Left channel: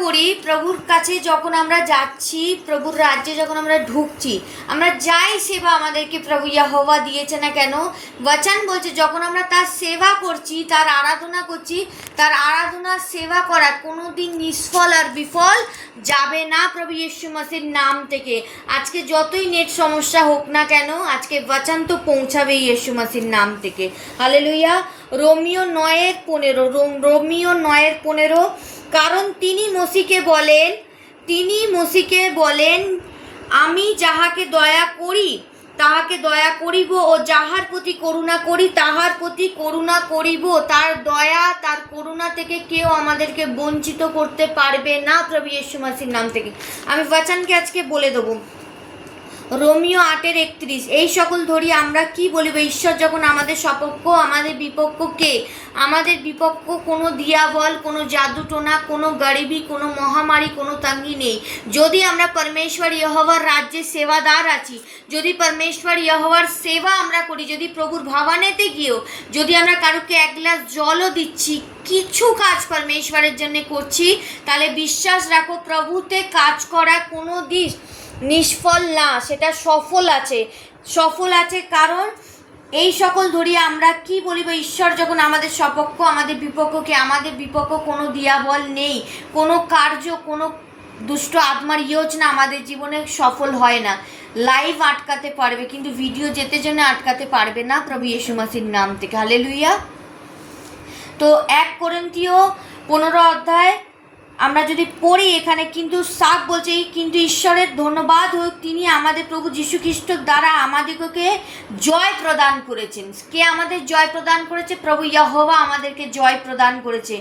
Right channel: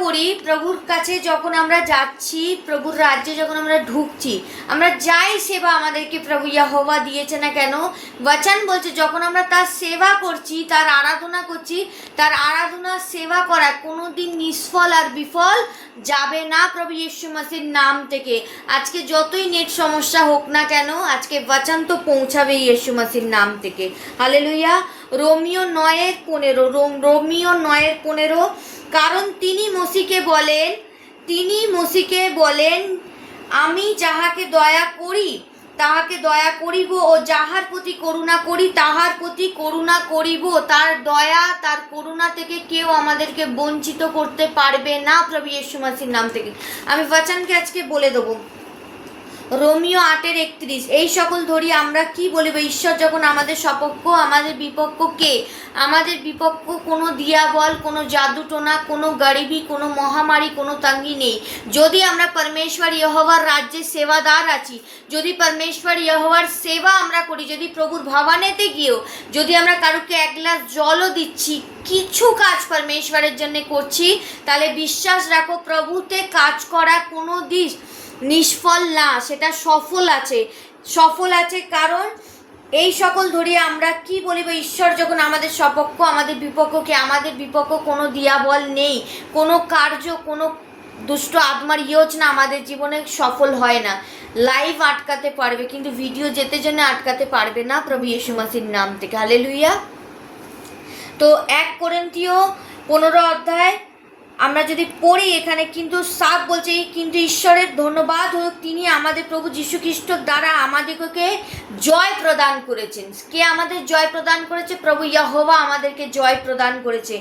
করি প্রভুর কাছে, যখন আমরা যাচ্ছি প্রভুর রাজ্যে, যখন আমরা ঢুকছি, আমরা যাই সেবা আমাদেরকে প্রভু ইয়েহোবা দিয়েছে না কেন, বচন বলছে যখন আমরা তার সেবা করছি, তার আরাধনা করছি, তার আরাধনা সেবা করা কোনো দিন নিষ্ফল আর বিফল যাবে না প্রভু ইয়েশু মাসির নাম থেকে। আজকে যতই নেট সমস্যা হোক না কেন, আজকে বচন তো পৌঁছাবে ইয়েশু মাসির নাম থেকে। হালেলুয়া। রোমিও 9:15, রোমিও 9:15, কারণ তিনি মসিকে বলেন আমি যাহাকে দয়া করি তাহাকে দয়া করিব, ও যাহার প্রতি করুণা করি তাহার প্রতি করুণা করিব। তার দয়া তার করুণা থেকে কেউ আমাদেরকে বঞ্চিত করতে পারবে না প্রভু ইয়েশু মাসির নাম থেকে। আমি বচনকে আজকে বলে দেবো, রোমিও 8:31, এই সকল ধরি আমরা কি বলিব, ঈশ্বর যখন আমাদের সপক্ষ, আমাদের বিপক্ষ কে? আমাদের বিপক্ষ কোনো দিয়াবল, কোনো জাদুটোনা, কোনো গরিবি, কোনো মহামারী, কোনো তঙ্গি নেই। যদি আমরা পরমেশ্বর ইয়েহোবার রাজ্যে সেবাদার আছি, যদি পরমেশ্বর ইয়েহোবার সেবা আমরা করি, যদি প্রভুর ভবনেতে গিয়েও যদি আমরা কারুকে এক গ্লাস জলও দিচ্ছি, কিছু কাজ পরমেশ্বরের জন্য করছি, তাহলে বিশ্বাস রাখো প্রভুতে কাজ করা কোনো দিন নিষ্ফল না, সেটা সফল আছে। কারণ এই সকল ধরিয়ে আমরা কি বলিব, ঈশ্বর যখন আমাদের সপক্ষ, আমাদের বিপক্ষকে, আমাদের বিপক্ষ কোনো দিয়াবল নেই, কোনো কার্য, কোনো দুষ্ট আত্মার যোজনা আমাদের জীবনে সফল হয় না। লাইভ আটকাতে পারবে কিন্তু ভিডিও যেতে জন্য আটকাতে পারবে না প্রভু ইয়েশু মাসির নাম থেকে। হালেলুয়া। তো 1 কোরিন্থীয় 15 আমরা যদি পড়ি, এখানে কিন্তু সাফ বলছে, কিন্তু ঈশ্বরের ধন্যবাদ হোক, তিনি আমাদের প্রভু যীশু খ্রিস্টর দ্বারা আমাদেরকে জয় প্রদান করেছেন। কে আমাদের জয় প্রদান করেছে? প্রভু ইয়েহোবা আমাদেরকে জয় প্রদান করেছে।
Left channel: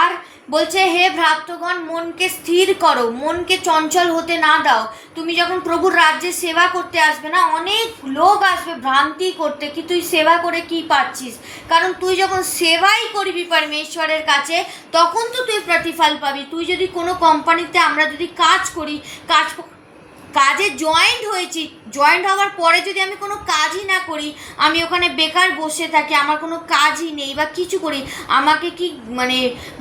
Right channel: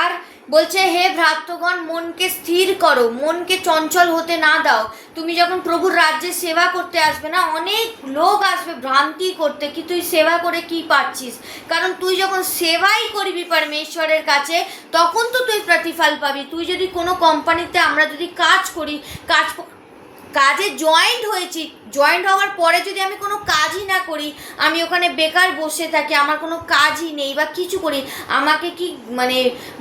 আর বলছে, হে ভ্রাতৃগণ, মনকে স্থির করো, মনকে চঞ্চল হতে না দাও। তুমি যখন প্রভুর রাজ্যে সেবা করতে আসবে না, অনেক লোক আসবে ভ্রান্তি করতে কি তুই সেবা করে কি পাচ্ছিস। কারণ তুই যখন সেবাই করবি পরমেশ্বরের কাছে, তখন তো তুই প্রতিফল পাবি। তুই যদি কোনো কোম্পানিতে আমরা যদি কাজ করি, কাজে জয়েন্ট হওয়ার পরে যদি আমি কোনো কাজই না করি, আমি ওখানে বেকার বসে থাকি, আমার কোনো কাজই নেই বা কিছু করি, আমাকে কি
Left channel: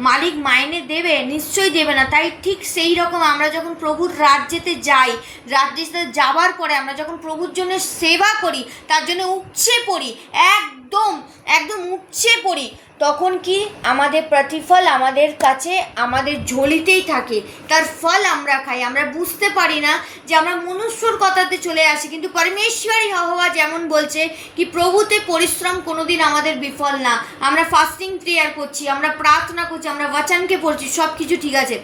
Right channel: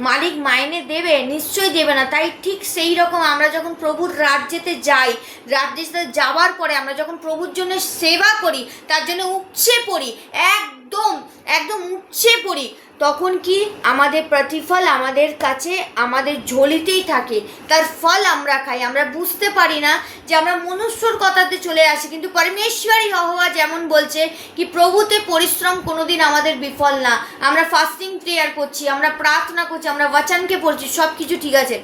মালিক মাইনে দেবে? নিশ্চয়ই দেবে না। তাই ঠিক সেই রকম আমরা যখন প্রভুর রাজ্যেতে যাই, রাজ্যেতে যাওয়ার পরে আমরা যখন প্রভুর জন্য সেবা করি, তার জন্য উপচে পড়ি, একদম উপচে পড়ি, তখন কি আমাদের প্রতিফল আমাদের কাছে আমাদের ঝোলিতেই থাকে, তার ফল আমরা খাই। আমরা বুঝতে পারি না যে আমরা মনুষ্যর কথাতে চলে আসি, কিন্তু পরমেশ্বরই ইয়েহোবা যেমন বলছে কি প্রভুতে পরিশ্রম কোনোদিন আমাদের বিফল না। আমরা ফাস্টিং প্রেয়ার করছি, আমরা প্রার্থনা করছি, আমরা বচনকে পড়ছি, সব কিছু ঠিক আছে,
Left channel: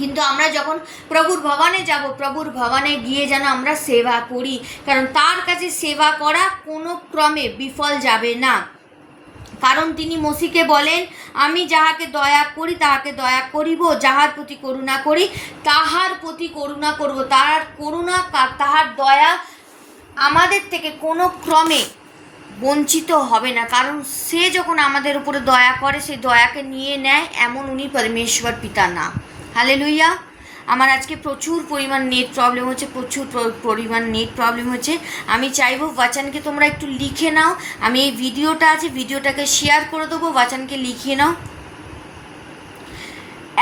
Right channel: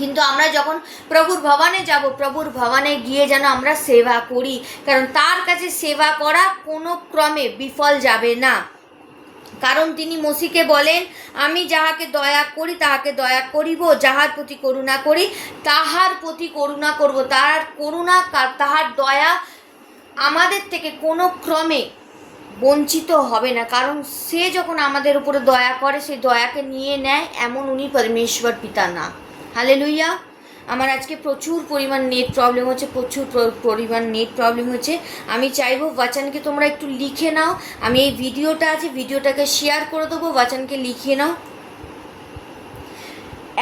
কিন্তু আমরা যখন প্রভুর ভবনে যাব, প্রভুর ভবনে গিয়ে যেন আমরা সেবা করি, কারণ তার কাছে সেবা করা কোনো ক্রমে বিফল যাবে না। কারণ তিনি মসিকে বলেন আমি যাহাকে দয়া করি তাহাকে দয়া করিব, যাহার প্রতি করুণা করি তাহার প্রতি করুণা করব। তাহার দয়া আমাদের থেকে কোনো ক্রমে বঞ্চিত হবে না, কারণ সে যখন আমাদের উপরে দয়া করে, সে দয়াকে নিয়ে নেয়, এমন উনি পরমেশ্বর পিতা না। হালেলুয়া। আমার আজকে প্রচুর পরিমাণ নেট প্রবলেম হচ্ছে। আমি চাইবো বচনকে তোমরা একটু লিখে নাও। আমি এই ভিডিওটা আছে, ভিডিওটাকে শেয়ার করে দেবো, বচনকে লিখে নাও।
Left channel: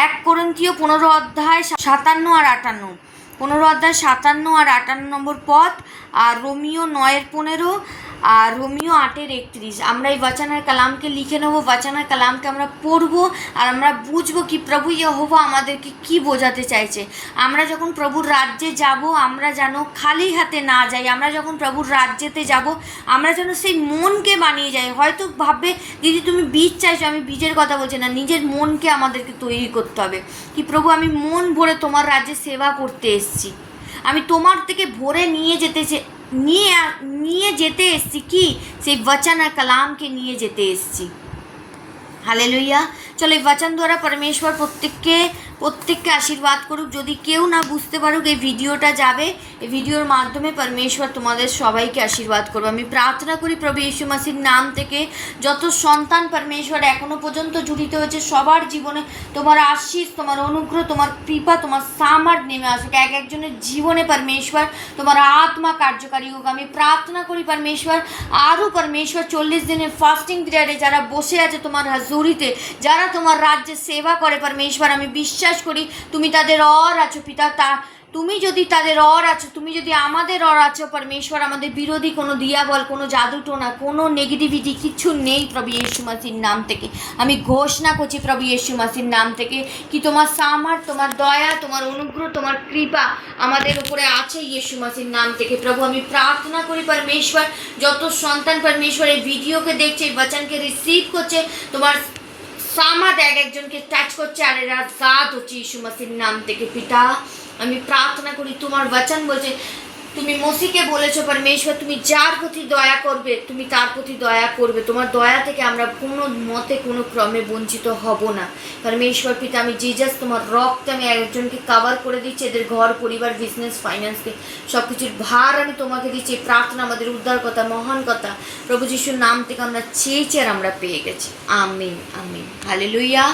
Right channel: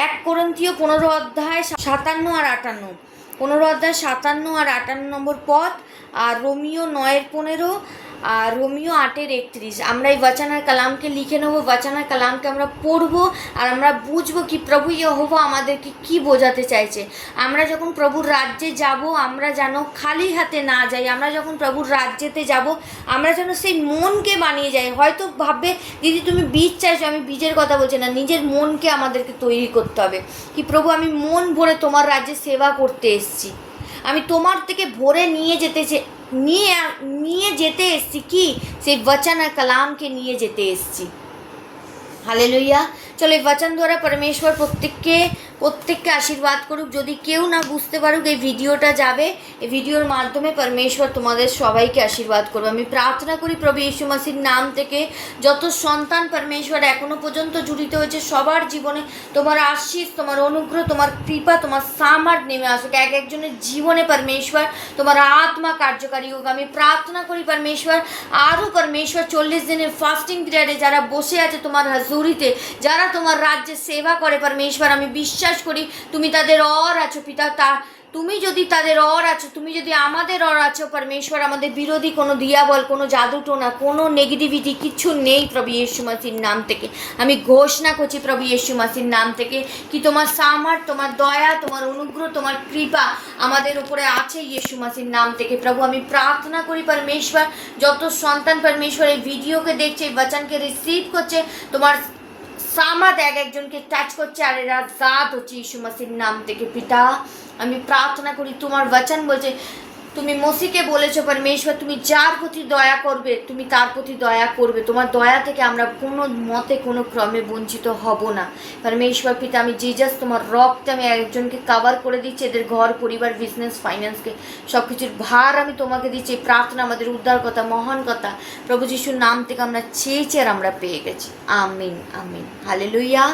1 কোরিন্থীয় 15:57 আর 58, 15:57 আর 58 নম্বর পদ, আর রোমিও 9:15 আর রোমিও 8:31। আমরা এই বচনের কালামকে লিখে নেবো, বচনের কালামকে আমরা পড়বো, আর আমরা বুঝবো কি প্রভু ইয়েহোবা আমাদেরকে কি বোঝাতে চাইছে। আমরা যখন প্রভুর রাজ্যে যাব, আমরা যেন খালি হাতে না যাই। আমরা যখন প্রভুর রাজ্যেতে যাব, আমরা যেন সেই মনকে বানিয়ে যাই। হয়তো ভাববে দিদি তুমি বীজ চাইছো, আমি বীজের কথা বলছি না, নিজের মনকে আমাদেরকে তৈরি করতে হবে কি প্রভু আমি মন ভরে তোমার রাজ্যে সেবা করতে এসেছি, আমি তোমার থেকে ভরে নিয়ে যেতে এসেছি কি সেই বচন আর কালামকে নিয়ে যেতে এসেছি। হালেলুয়া। চলো এই বচন দ্বারা পরমেশ্বর প্রত্যেককে আশীর্বাদ করুক। যদি কেউ না বুঝতে পারুক, এই ভিডিওটা যাবে, এই ভিডিওর মাধ্যমে পরমেশ্বর তোমাদের সবাইকে আশীর্বাদ করবে। আমি প্রার্থনা করি প্রভু যীশু মাসির নাম থেকে যত সন্তান পরমেশ্বর এখনো পর্যন্ত জড়িত হয়েছে, সবার জীবনে তোমার আশীষ, তোমার অনুগ্রহ, তোমার কৃপা, তোমার সামার নেমে আসুক। একজনের জীবনে পরমেশ্বর তোমার আত্মা কার্যকারী হোক। আমি প্রার্থনা করি পরমেশ্বর আরও পরমেশ্বর 40 দিনের ফাস্টিং পিরিয়ডে যারা বসে আছে তোমার হাজুরিতে, যারা তোমার রাজ্যে সেবা করে পরমেশ্বর, আমি বিশ্বাস বিশ্বাস করি তুমি তাদের और আছো পিতা। তা তুমি যদি তাদের और আছো, তুমি যদি আমাদের और আছো परमेश्वर, আমাদের বিরোধী কোনো দিয়াবল, কোনো জাদুটোনা, কোনো নেগেটিভিটি কিছু নেই প্রভু यीशु মসির নাম থেকে। আমি ঘোষণা করছি প্রভু यीशु মসির নাম থেকে কি তোমার সামর্থ্য, তোমার দয়া, তোমার অনুগ্রহ, তোমার কৃপা আমাদের উপরে আছে यीशु মসির নাম থেকে। প্রভু আমি প্রার্থনা করি परमेश्वर, যত সন্তান परमेश्वर এই ভিডিওকে দেখছে, এই বচনকে রিসিভ করছে, তোমার সামর্থ্য এক একজনকে টাচ করছে আর এরা আজাদ হচ্ছে यीशु মসির নাম থেকে। পিতা আমি প্রার্থনা করি, তোমার বচন বলছে তুমি মসিকে বলেছো परमेश्वर তুমি যার প্রতি দয়া করবে তুমি তার প্রতি দয়া করবে, তোমার দয়া থেকে আমরা কোনো মতে কোনো ক্রমে বঞ্চিত হব না परमेश्वर। পিতা আমি জিজাস তোমার রক্তে আমি একজনকে কভার করে দিচ্ছি, এদের ঘর পরিবার বিজনেস ফাইন্যান্সকে সব কিছুর ভার আমি তোমাকে দিচ্ছি। প্রার্থনা আমাদের উদ্ধার কথা, মহান কথা প্রভু যিশুর নাম থেকে আমরা চেয়েছি আর আমরা পেয়ে গেছি। আমিন আমিন, হালেলুয়া।